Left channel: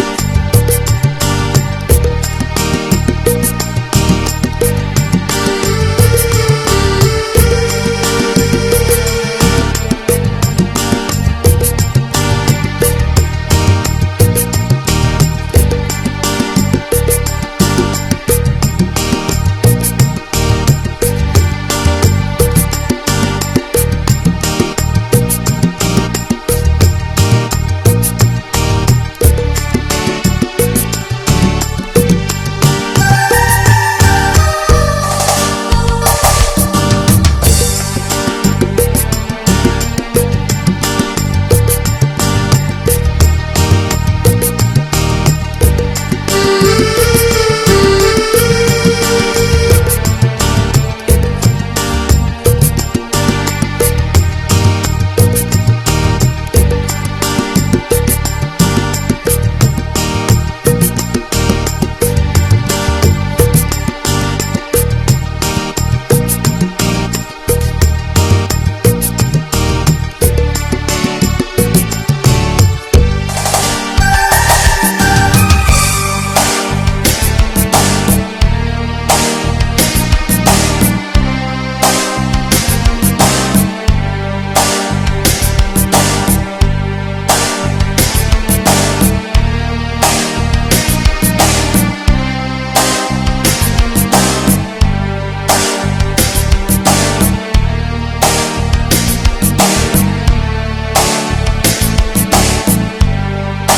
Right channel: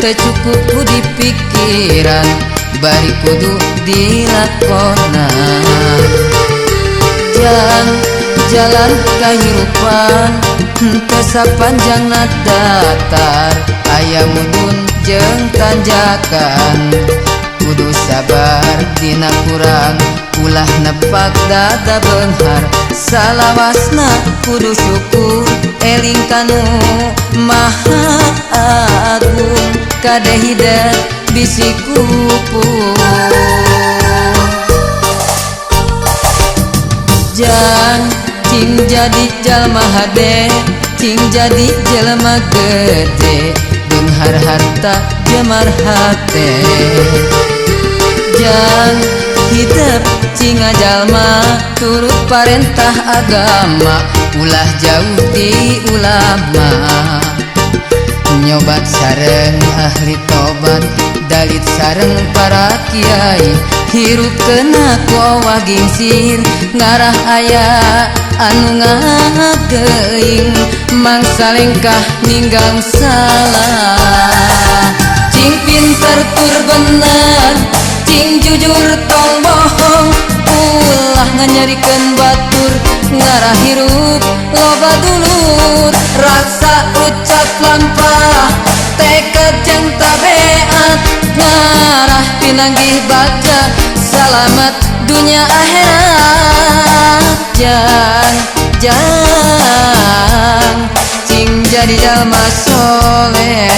teu cukup ku di pikiran bari kudu dilakonan. Jalan kehidupan teu sapanjangna datar, aya mundun jeung tanjakan. Kudu sabar dina kurang, ulah nepak dada beunghar. Salawasna kudu syukur, eling kanu Maha Agung, kadeh hideung bisi kupung. Cing jadi jalma hade, cing jadi jelema gede, beunghar harta jemar hate. Jang hidup cing jalma turut parentah agama, ulah jauh di ulama. Nyobat sareng ahli tobat, dalit sareng para kiai, hirup kena kowa gingsir, ngarah aya anu ngakeing, mangsa lengkah ninggang salah. Cing pinter tur bener, cing jujur tong bohong, ulah nganyarikeun batur, ngarah hirup loba dulur. Raksa ucap lampah, tekad jeung tabeat, ngarah pinanggih baca, salamet dunia akhirat. Jang cing jadi jalma soleh.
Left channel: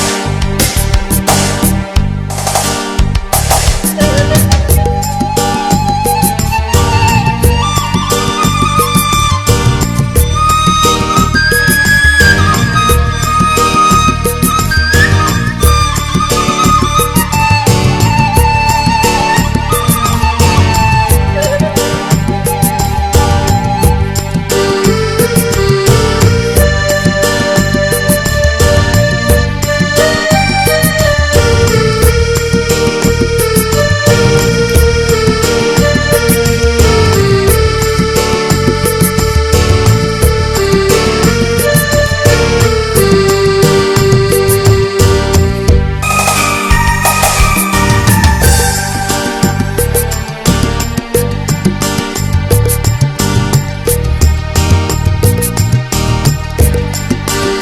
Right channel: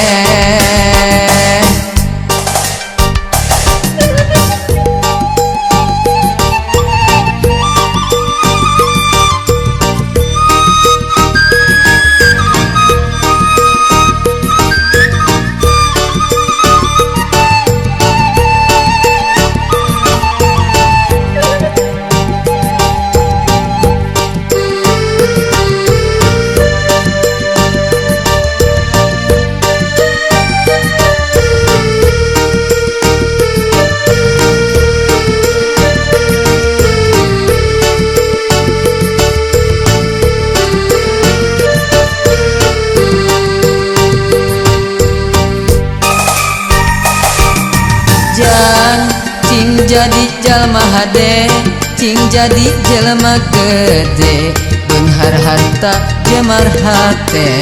Jadi jalma hade, cing jadi jelema gede, beunghar harta jemar hate.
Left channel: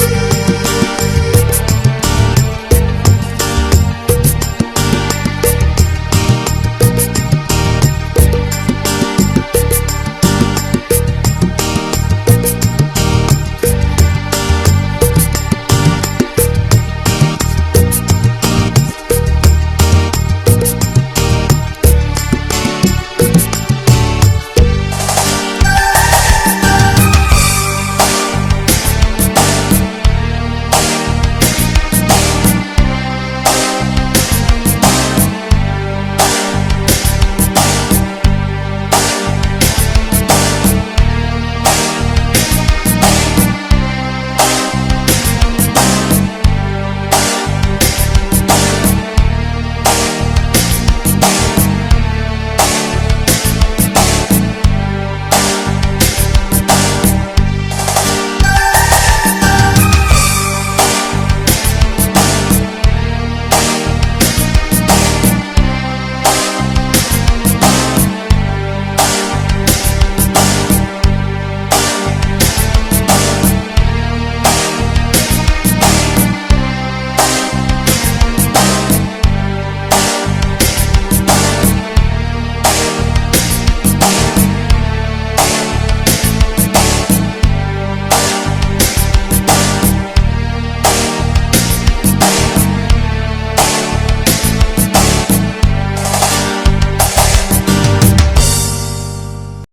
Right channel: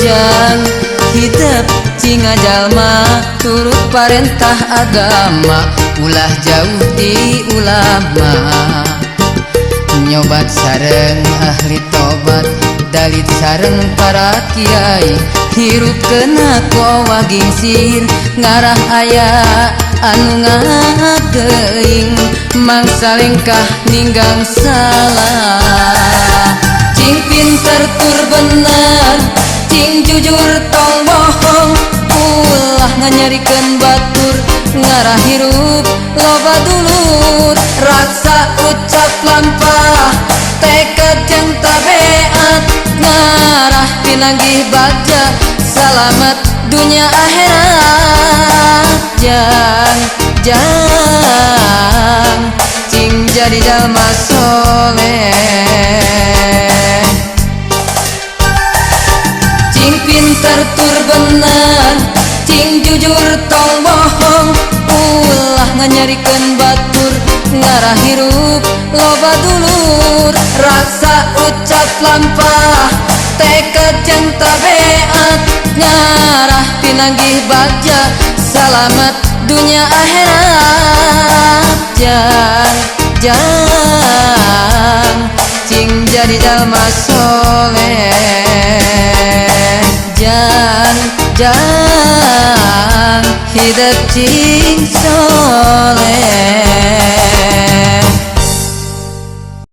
Jang hidup cing jalma turut parentah agama, ulah jauh di ulama. Nyobat sareng ahli tobat, dalit sareng para kiai, hirup kena kowa gingsir, ngarah aya anu ngakeing, mangsa lengkah ninggang salah. Cing pinter tur bener, cing jujur tong bohong, ulah nganyarikeun batur, ngarah hirup loba dulur. Raksa ucap lampah, tekad jeung tabeat, ngarah pinanggih baca, salamet dunia akhirat. Jang cing jadi jalma soleh. Cing pinter tur bener, cing jujur tong bohong, ulah nganyarikeun batur, ngarah hirup loba dulur. Raksa ucap lampah, tekad jeung tabeat, ngarah pinanggih baca, salamet dunia akhirat. Jang cing jadi jalma soleh. Jang hidup cing